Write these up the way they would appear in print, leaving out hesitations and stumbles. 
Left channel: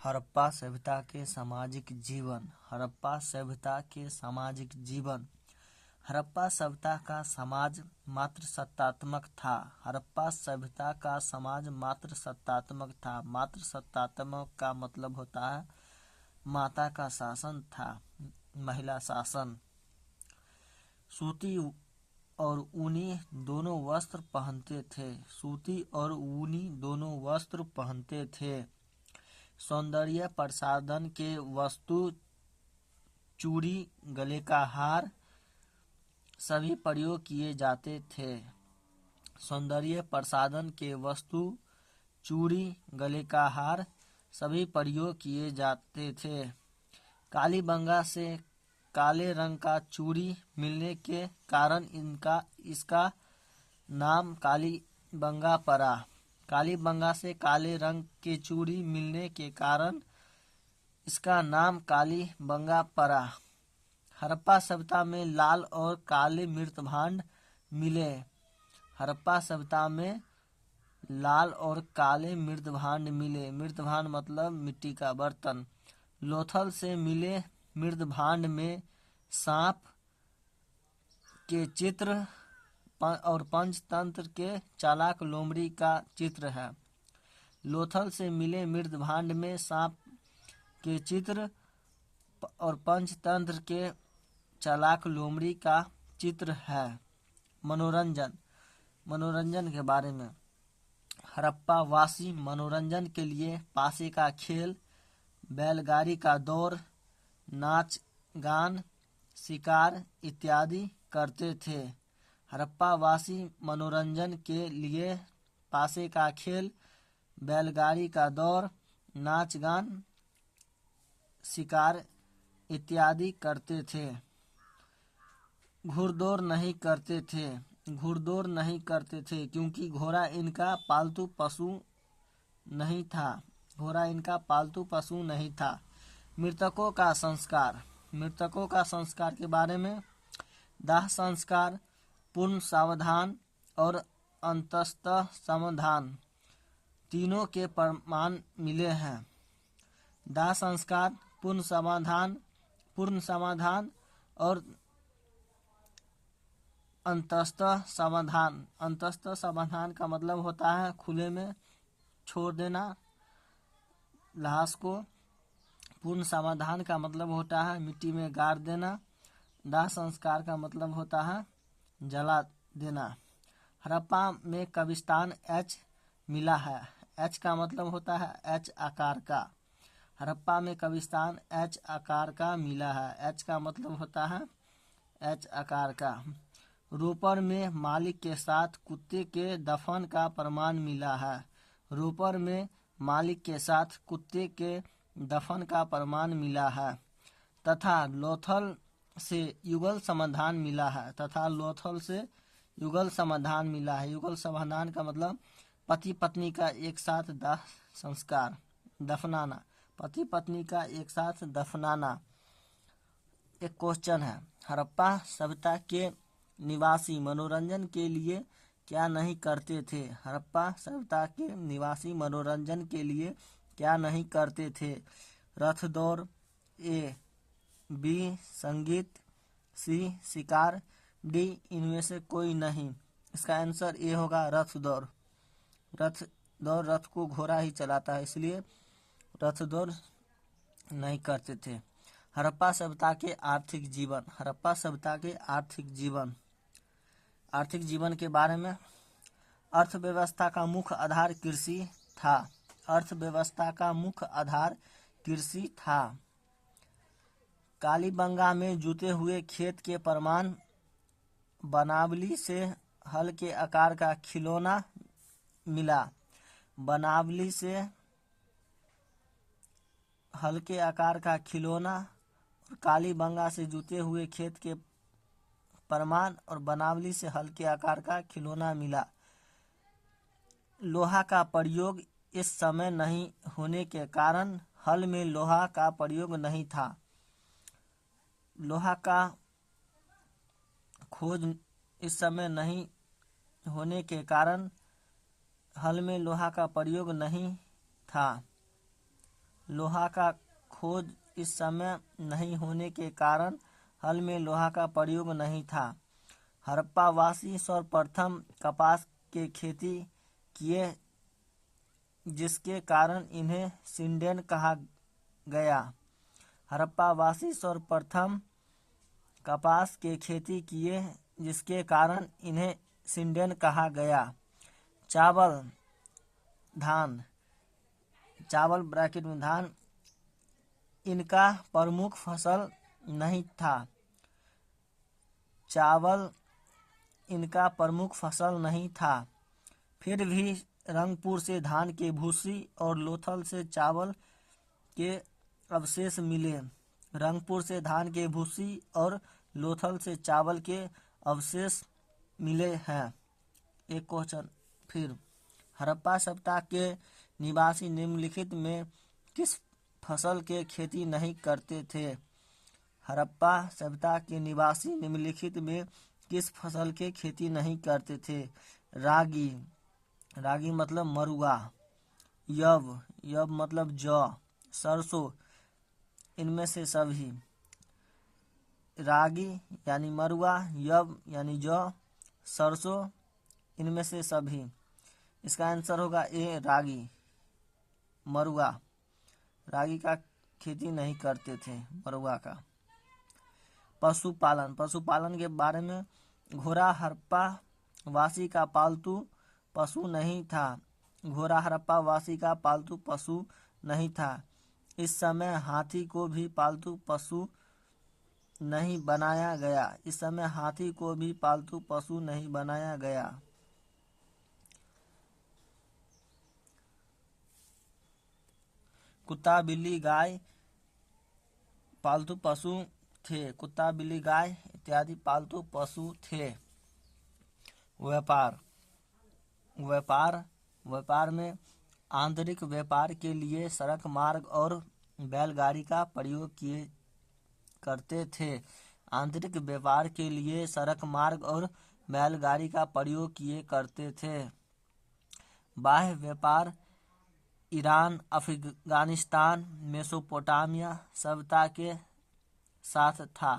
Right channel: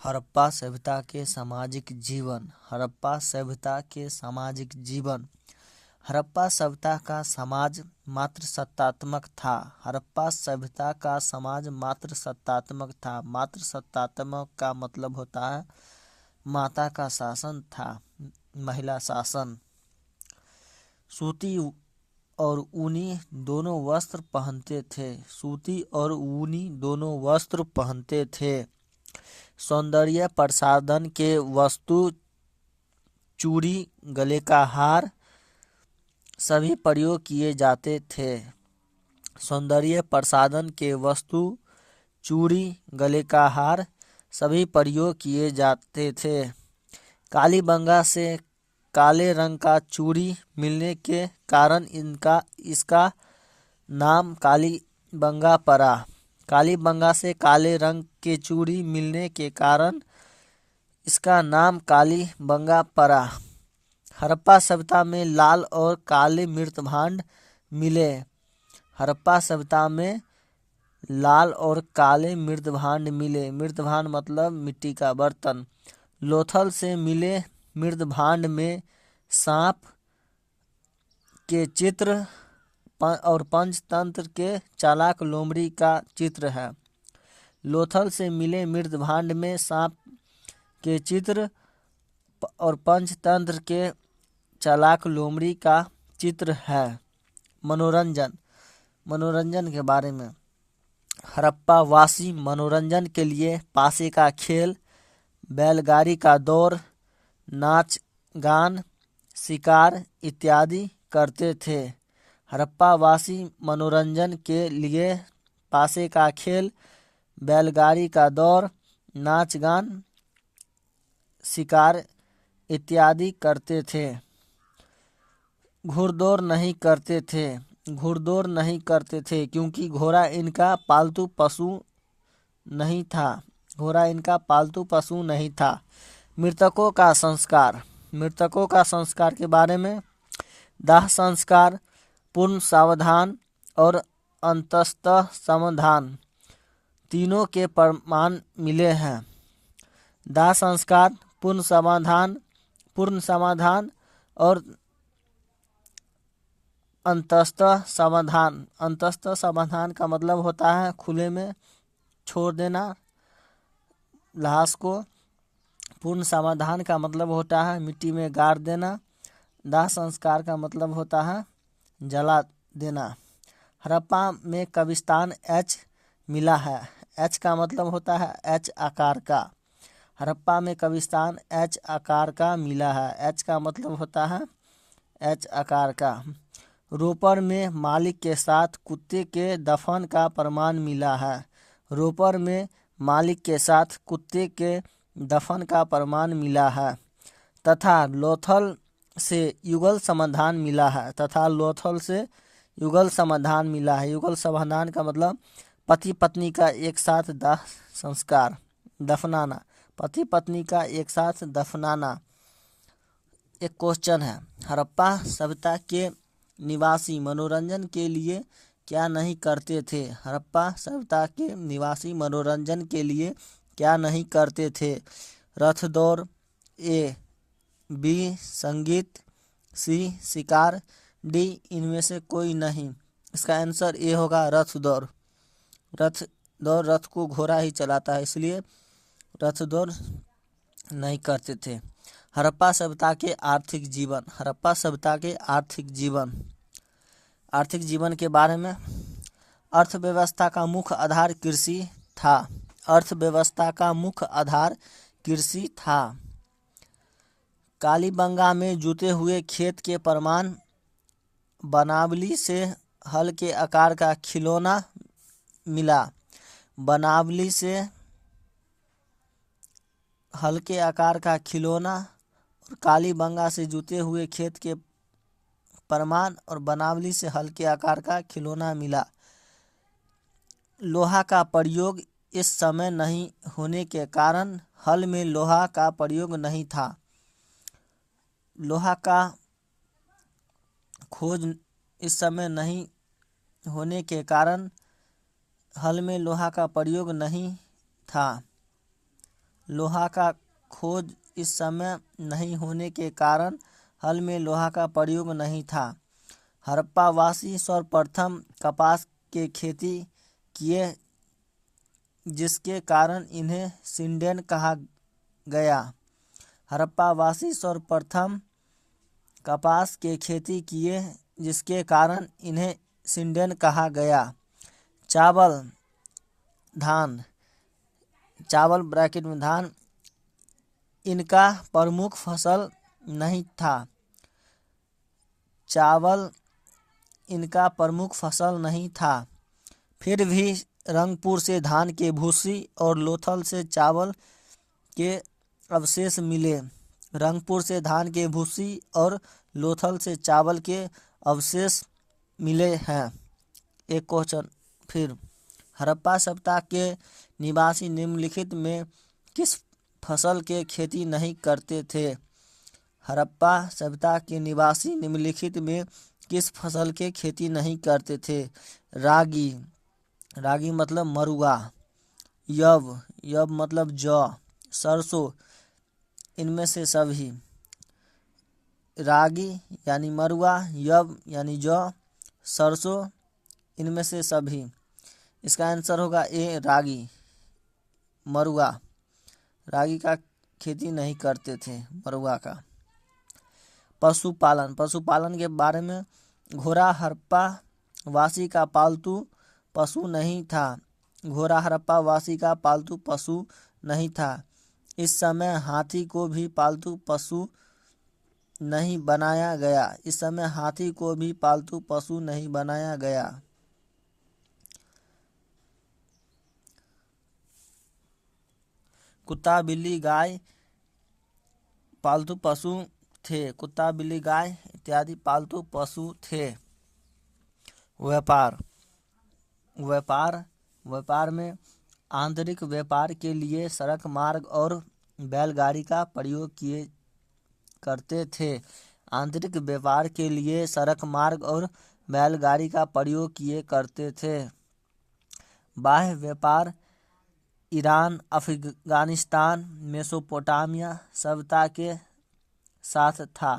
हड़प्पा सभ्यता के सामाजिक जीवन। हड़प्पा सभ्यता के सामाजिक जीवन। हड़प्पा सभ्यता का समाज मात्र सत्तात्मक था। हड़प्पा सभ्यता का समाज मात्र सत्तात्मक था। मात्र सत्तात्मक का मतलब होता है माता का शासन था, महिला शासन। सूती और ऊनी दोनों वस्त्र पहनते थे। सूती और ऊनी दोनों वस्त्र पहनते थे। सौंदर्य प्रसाधन के वस्तु चूड़ी, गले का हार सभी प्रयोग किए जाते थे। सौंदर्य प्रसाधन के वस्तु चूड़ी, गले का हार सभी प्रयोग किए जाते थे। कालीबंगा से काले रंग का चूड़ी मिलने के कारण इसका नाम कालीबंगा पड़ा। कालीबंगा से काले रंग के चूड़ी मिलने के कारण इसका नाम कालीबंगा पड़ा। हड़प्पा सभ्यता में लाल और काले मृत भांड मिले। हड़प्पा सभ्यता में लाल और काले मृत भांड मिले। मृत भांड मतलब मिट्टी का बर्तन। लोथल से मिले मृत भांड में सांप के चित्र और पंचतंत्र के चालाक लोमड़ी का चित्र है। लोथल से मिले मृत भांड में सांप के चित्र और पंचतंत्र के चालाक लोमड़ी का चित्र है। मनोरंजन के बारे में। हड़प्पा वासी मनोरंजन के लिए पासे का खेल, बैलगाड़ी का दौड़, नाच गान, शिकार इत्यादि करते थे। हड़प्पा वासी मनोरंजन के लिए पासे का खेल, बैलगाड़ी का दौड़, नाच गान, शिकार इत्यादि करते थे। घुड़दौड़ नहीं करते थे क्योंकि घोड़ा इनका पालतू पशु नहीं था। मृतकों का संस्कार के बारे में। दाह संस्कार, पूर्ण सावधान और अंतस्तः समाधान तीनों के प्रमाण मिले हैं। दाह संस्कार, पूर्ण समाधान और अंतस्तः समाधान का मतलब होता है खुले में छोड़ देना लाश को। पूर्ण समाधान का मतलब होता है मिट्टी में गाड़ देना। दाह संस्कार का मतलब होता है जला देना। हड़प्पा में कब्रिस्तान एच मिला है। एच का मतलब होता है एच आकार का। हड़प्पा में कब्रिस्तान एच आकार का मिला है। एच का मतलब होता है एच आकार का। रोपर में मालिक के साथ कुत्ते के दफन का प्रमाण मिला है। रोपर में मालिक के साथ कुत्ते के दफन का प्रमाण मिला है। तथा लोथल से युगल समाधान मिला है। युगल समाधान का मतलब पति पत्नी का एक साथ दफनाना। पति पत्नी का एक साथ दफनाना। एक क्वेश्चन है, हड़प्पा सभ्यता के निवासी मनोरंजन के लिए क्या नहीं करते थे? हड़प्पा सभ्यता के निवासी मनोरंजन के लिए क्या नहीं करते थे? रथ दौड़, ए, बी संगीत, सी शिकार, डी इनमें से कोई नहीं। इसका आंसर ए होगा रथ दौड़। रथ को घोड़ा ही चलाता है, इसलिए रथ दौड़ नहीं करते थे। हड़प्पा सभ्यता के आर्थिक जीवन। हड़प्पा सभ्यता के आर्थिक जीवन के बारे में। अर्थव्यवस्था का मुख्य आधार कृषि था। कालीबंगा में जुते हुए खेत के प्रमाण बनावली से हल के आकार का खिलौना मिला। बनावली से हल के आकार का खिलौना और कालीबंगा से जुते हुए खेत के प्रमाण और बनावली से हल के आकार का खिलौना मिला। लोहा का प्रयोग इस समय नहीं होने के कारण हल में लोहा का प्रयोग नहीं था। लोहा का खोज इस समय नहीं होने के कारण हल में लोहा का प्रयोग नहीं था। लोहा का खोज इस समय नहीं होने के कारण हल में लोहा का प्रयोग नहीं था। हड़प्पा वासी सर्वप्रथम कपास के खेती किए, जिसके कारण इन्हें सिंडेन कहा गया। हड़प्पा वासी सर्वप्रथम कपास के खेती किए, जिसके कारण इन्हें सिंडेन कहा गया। चावल धान, चावल ब्रैकेट में धान, इनका प्रमुख फसल नहीं था। चावल इनका प्रमुख फसल नहीं था। फिर भी रंगपुर से धान के भूसी और लोथल से चावल के अवशेष मिले। रंगपुर से धान के भूसी और लोथल से चावल के अवशेष मिले हैं। एक क्वेश्चन फिर, हड़प्पा सभ्यता के निवासी निम्नलिखित में किस फसल के खेती नहीं करते थे? हड़प्पा सभ्यता के निवासी निम्नलिखित में किस फसल के खेती नहीं करते थे? रागी, रागी मतलब मरुआ। यव मतलब जौ। सरसों, इनमें से सभी। रागी यानी मरुआ, यव यानी जौ, सरसों, इनमें से सभी। इसका आंसर होगा ए, रागी, मरुआ। रागी का खेती नहीं करते थे, मरुआ का। पशुपालन, पशुपालन के बारे में, घोड़ा हड़प्पा वासी का पालतू पशु नहीं था। घोड़ा हड़प्पा वासी का पालतू पशु नहीं था। इस समय हाथी को भी पालतू पशु नहीं बनाया गया। इस समय हाथी को भी पालतू पशु नहीं बनाया गया। कुत्ता बिल्ली गाय पालतू पशु थे। कुत्ता बिल्ली गाय इत्यादि पालतू पशु थे। व्यापार, व्यापार में आंतरिक व्यापार के लिए सड़क मार्ग और बैलगाड़ी का प्रयोग किए करते थे। आंतरिक व्यापार के लिए सड़क मार्ग और बैलगाड़ी का प्रयोग किए करते थे। बाह्य व्यापार ईरान, अफगानिस्तान, मेसोपोटामिया सभ्यता के साथ था।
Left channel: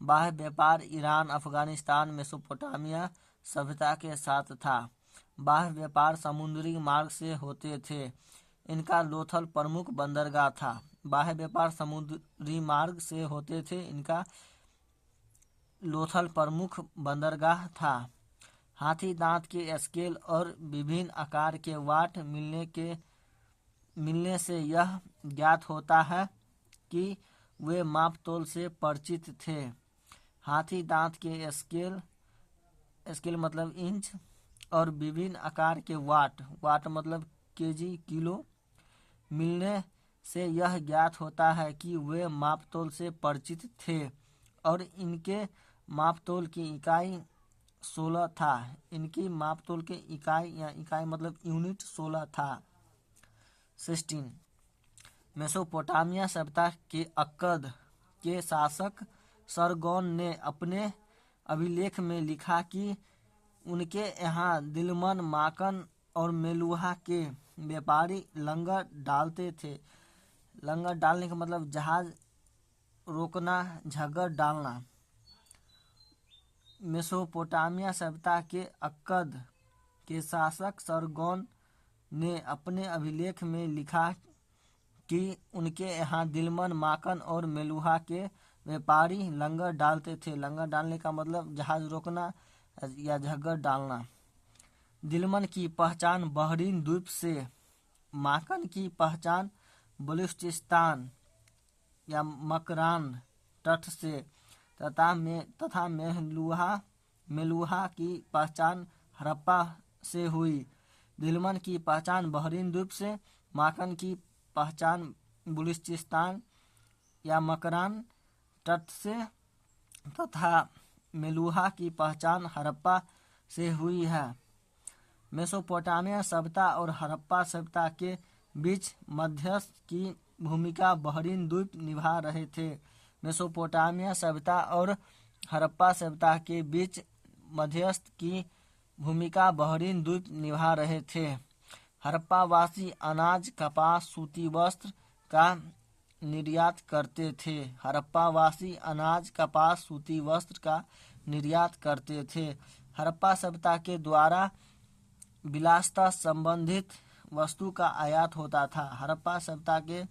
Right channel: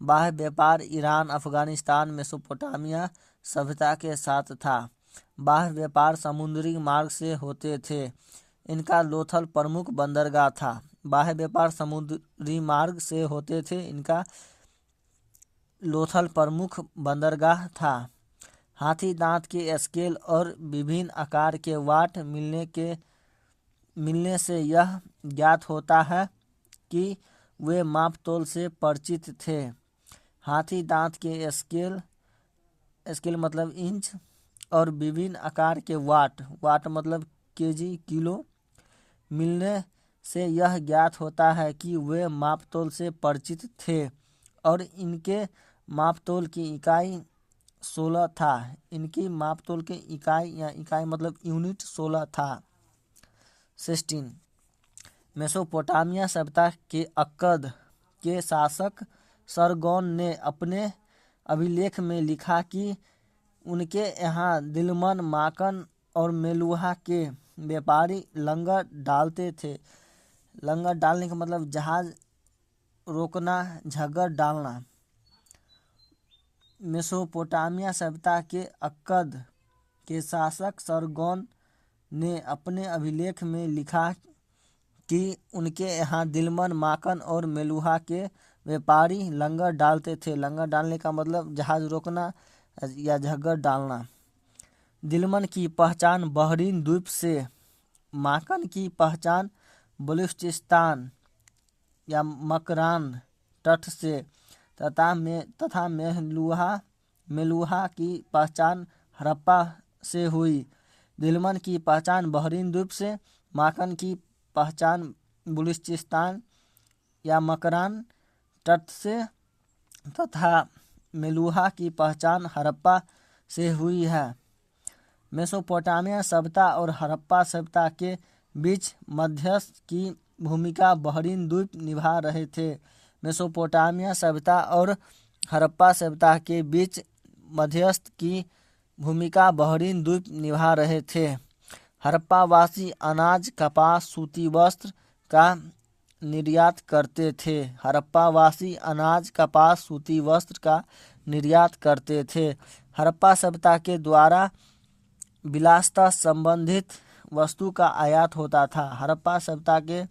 बाह्य व्यापार ईरान, अफगानिस्तान, मेसोपोटामिया सभ्यता के साथ था। बाह्य व्यापार समुद्री मार्ग से होते थे। इनका लोथल प्रमुख बंदरगाह था। बाह्य व्यापार समुद्री मार्ग से होते थे। इनका लोथल प्रमुख बंदरगाह था। हाथी दांत के स्केल और विभिन्न आकार के वाट मिलने से यह ज्ञात होता है कि वे मापतोल से परिचित थे। हाथी दांत के स्केल मतलब इंच और विभिन्न आकार के वाट मतलब केजी, किलो मिलने से यह ज्ञात होता है कि वे मापतोल से परिचित थे और इनके मापतोल की इकाई 16 था। इनकी मापतोल के इकाई मतलब यूनिट 16 था। 16 मेसोपोटामिया सभ्यता के अक्कद के शासक सरगोन ने अपने अभिलेख में लिखा कि उनके यहाँ दिलमन, माकन और मेलुहा के व्यापारी लंगर डालते थे। लंगर डालने का मतलब जहाज रोकना, झग्गर डालना। मेसोपोटामिया सभ्यता के अक्कद के शासक सरगोन ने अपने अभिलेख में लिखा कि उनके यहाँ दिलमन, माकन और मेलुहा के व्यापारी लंगर डालते थे। लंगर डालने का मतलब जहाज रोकना या झग्गर डालना। दिलमन की पहचान बहरीन द्वीप से, माकन की पहचान बलूचिस्तान या मकरान तट से तथा मेलुहा की पहचान हड़प्पा से हुई। दिलमन की पहचान बहरीन द्वीप से, माकन की पहचान बलूचिस्तान या मकरान तट से तथा मेलुहा की पहचान हड़प्पा से हुई है। मेसोपोटामिया सभ्यता और हड़प्पा सभ्यता के बीच मध्यस्थ की भूमिका बहरीन द्वीप निभा रहे थे। मेसोपोटामिया सभ्यता और हड़प्पा सभ्यता के बीच मध्यस्थ की भूमिका बहरीन द्वीप निभा रहे थे। हड़प्पा वासी अनाज, कपास, सूती वस्त्र, का निर्यात करते थे। हड़प्पा वासी अनाज, कपास, सूती वस्त्र का निर्यात करते थे। हड़प्पा सभ्यता के द्वारा विलासिता संबंधित वस्तु का आयात होता था। हड़प्पा सभ्यता के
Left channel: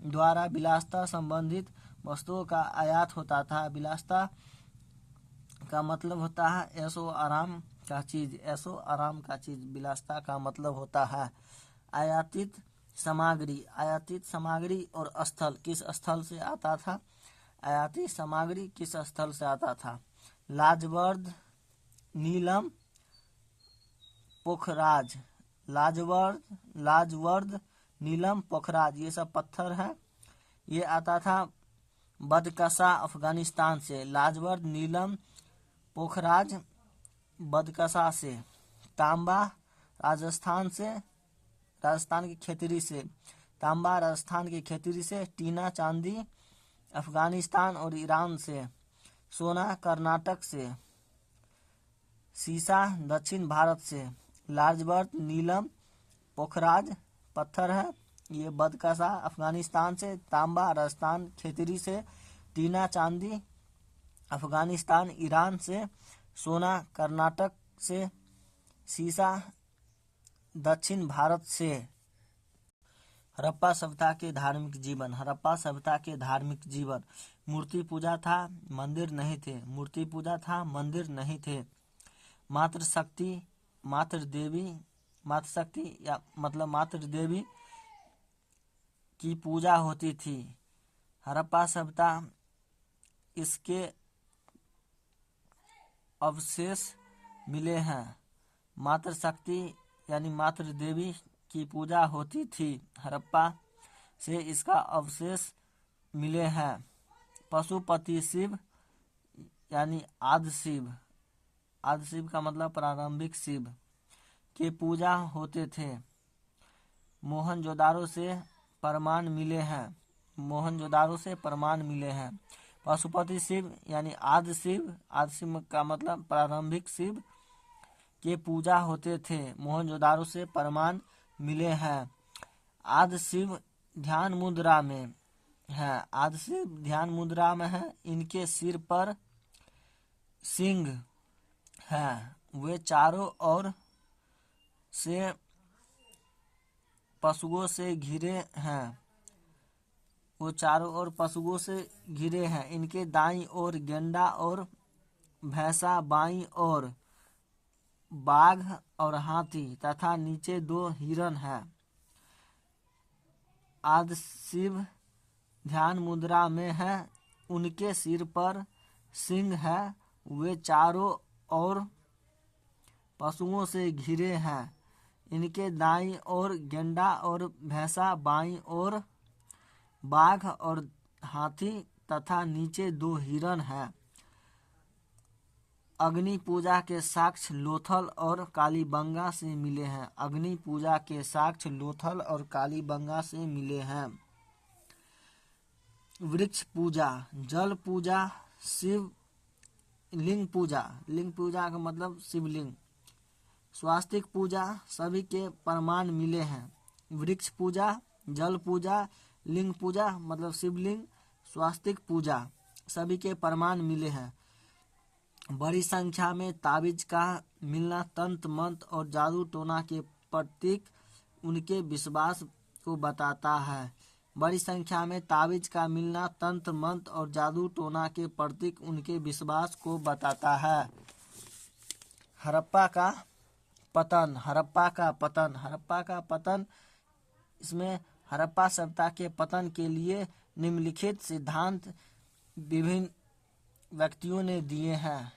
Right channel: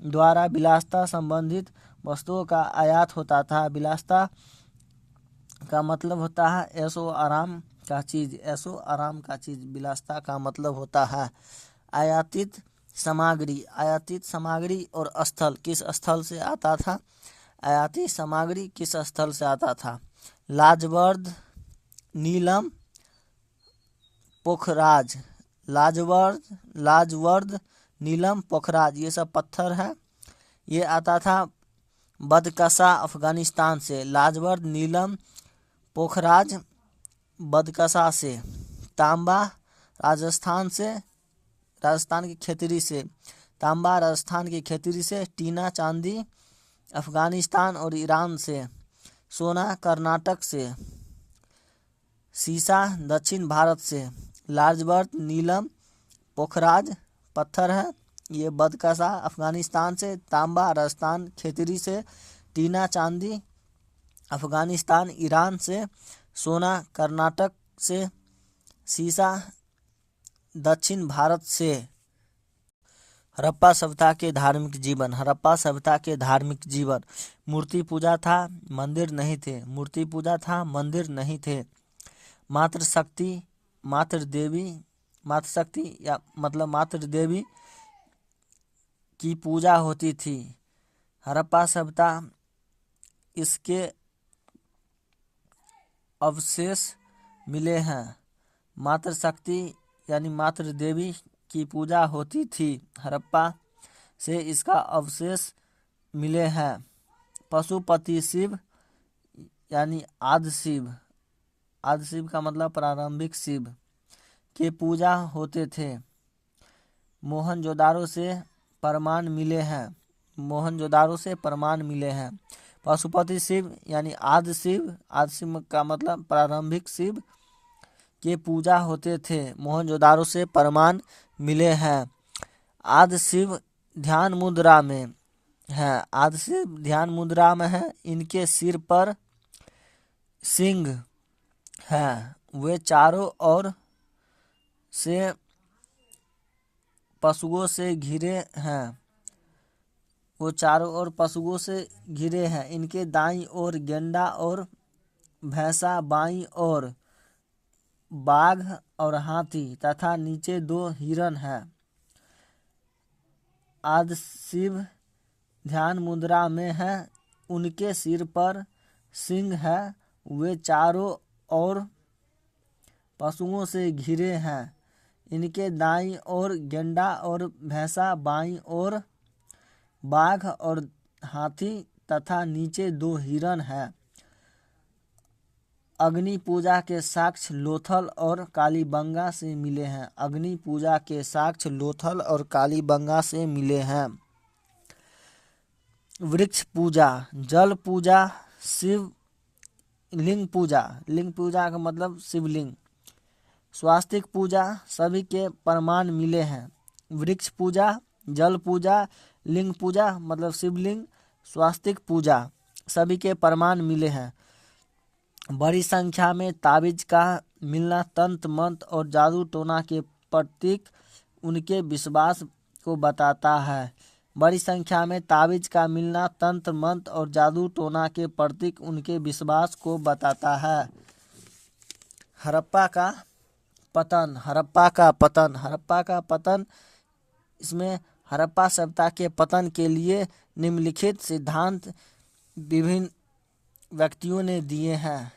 द्वारा विलासिता संबंधित वस्तुओं का आयात होता था। विलासिता का मतलब होता है ऐशो आराम का चीज, ऐशो आराम का चीज विलासिता का मतलब होता है। आयातित सामग्री, आयातित सामग्री और स्थल, किस स्थल से आता था? आयातित सामग्री किस स्थल से आता था? लाजवर्द, नीलम, पोखराज, लाजवर्द, नीलम, पोखराज, ये सब पत्थर है। ये आता था बदकसा अफगानिस्तान से। लाजवर्द, नीलम, पोखराज बदकसा से। तांबा राजस्थान से, राजस्थान की खेतरी से। तांबा राजस्थान की खेतरी से। टीना चांदी अफगानिस्तान और ईरान से। सोना कर्नाटक से। सीसा दक्षिण भारत से। लाजवर्द, नीलम, पोखराज पत्थर है, ये बदकसा अफगानिस्तान से। तांबा राजस्थान खेतरी से। टीना चांदी अफगानिस्तान ईरान से। सोना कर्नाटक से। सीसा दक्षिण भारत से। हड़प्पा सभ्यता के धार्मिक जीवन। हड़प्पा सभ्यता के धार्मिक जीवन। मूर्ति पूजा था, मंदिर नहीं थे। मूर्ति पूजा था, मंदिर नहीं थे। मातृशक्ति, मातृशक्ति या मतलब मातृ देवी की पूजा होती थी। हड़प्पा सभ्यता, इसके अवशेष मिले हैं। मातृशक्ति यानी मातृ देवी की पूजा होती थी। हड़प्पा से इसका अवशेष मिले हैं। पशुपति शिव यानी आदि शिव, आदि शिव का मतलब प्रारंभिक शिव के पूजा होते थे। मोहनजोदारो से प्रमाण मिले हैं। मोहनजोदारो से प्रमाण मिले हैं। पशुपति शिव यानी आदि शिव, आदि शिव का मतलब प्रारंभिक शिव के पूजा होते थे। मोहनजोदारो से प्रमाण मिले हैं। आदि शिव ध्यान मुद्रा में है। आदि शिव ध्यान मुद्रा में है। इनके सिर पर सिंह है। वे चारों ओर से पशुओं से घिरे हैं। वो चारों ओर पशुओं से घिरे हैं। इनके दाईं ओर गेंडा और भैंसा, बाईं ओर बाघ और हाथी तथा नीचे 2 हिरण हैं। आदि शिव ध्यान मुद्रा में है। उनके सिर पर सिंह है। वे चारों ओर पशुओं से घिरे हैं। इनके दाईं ओर गेंडा और भैंसा, बाईं ओर बाघ और हाथी तथा नीचे 2 हिरण हैं। अग्नि पूजा के साक्ष्य लोथल और कालीबंगा से मिले हैं। अग्नि पूजा के साक्ष्य लोथल और कालीबंगा से मिले हैं। वृक्ष पूजा, जल पूजा, शिव लिंग पूजा, लिंग पूजा का मतलब शिवलिंग, स्वास्तिक पूजा सभी के प्रमाण मिले हैं। वृक्ष पूजा, जल पूजा, लिंग पूजा मतलब शिवलिंग, स्वास्तिक पूजा सभी के प्रमाण मिले हैं। बड़ी संख्या में ताबीज का मिलना तंत्र मंत्र और जादू टोना के प्रतीक उनके विश्वास को बताता है। बड़ी संख्या में ताबीज का मिलना तंत्र मंत्र और जादू टोना के प्रतीक उनके विश्वास को बताता है। हड़प्पा का पतन। हड़प्पा का पतन। हड़प्पा का पतन, इसमें हड़प्पा सभ्यता के पतन के लिए निम्नलिखित सिद्धांत विभिन्न व्यक्तियों ने दिए हैं।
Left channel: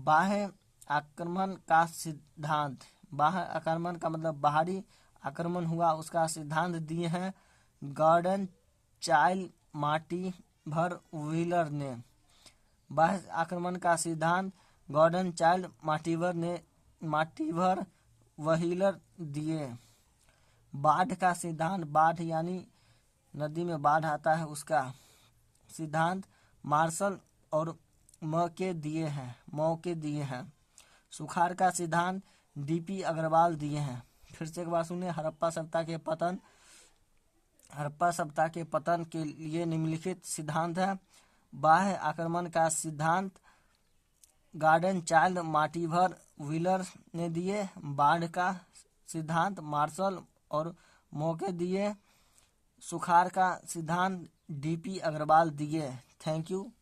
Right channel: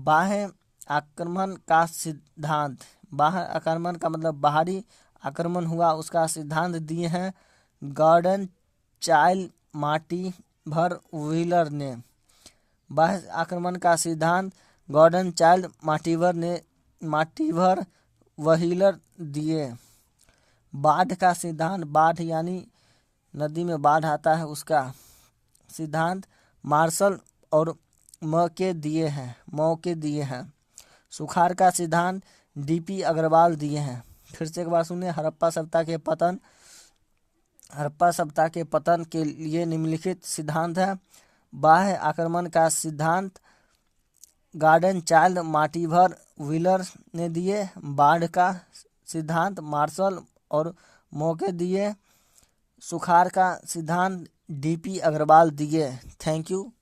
बाह्य आक्रमण का सिद्धांत। बाह्य आक्रमण का मतलब बाहरी आक्रमण हुआ, उसका सिद्धांत दिए हैं गॉर्डन चाइल्ड मार्टिवर व्हीलर ने। बाह्य आक्रमण का सिद्धांत गॉर्डन चाइल्ड मार्टिवर व्हीलर दिए। बाढ़ का सिद्धांत, बाढ़ यानी नदी में बाढ़ आता है, उसका सिद्धांत मार्शल और मौके दिए हैं। सुखाड़ का सिद्धांत डीपी अग्रवाल दिए हैं। फिर से एक बार सुनिए, हड़प्पा सभ्यता के पतन हड़प्पा सभ्यता के पतन के लिए निम्नलिखित सिद्धांत है। बाह्य आक्रमण का सिद्धांत गॉर्डन चाइल्ड मार्टिवर व्हीलर ने दिए। बाढ़ का सिद्धांत मार्शल और मौके दिए। सुखाड़ का सिद्धांत डीपी अग्रवाल दिए। Thank you.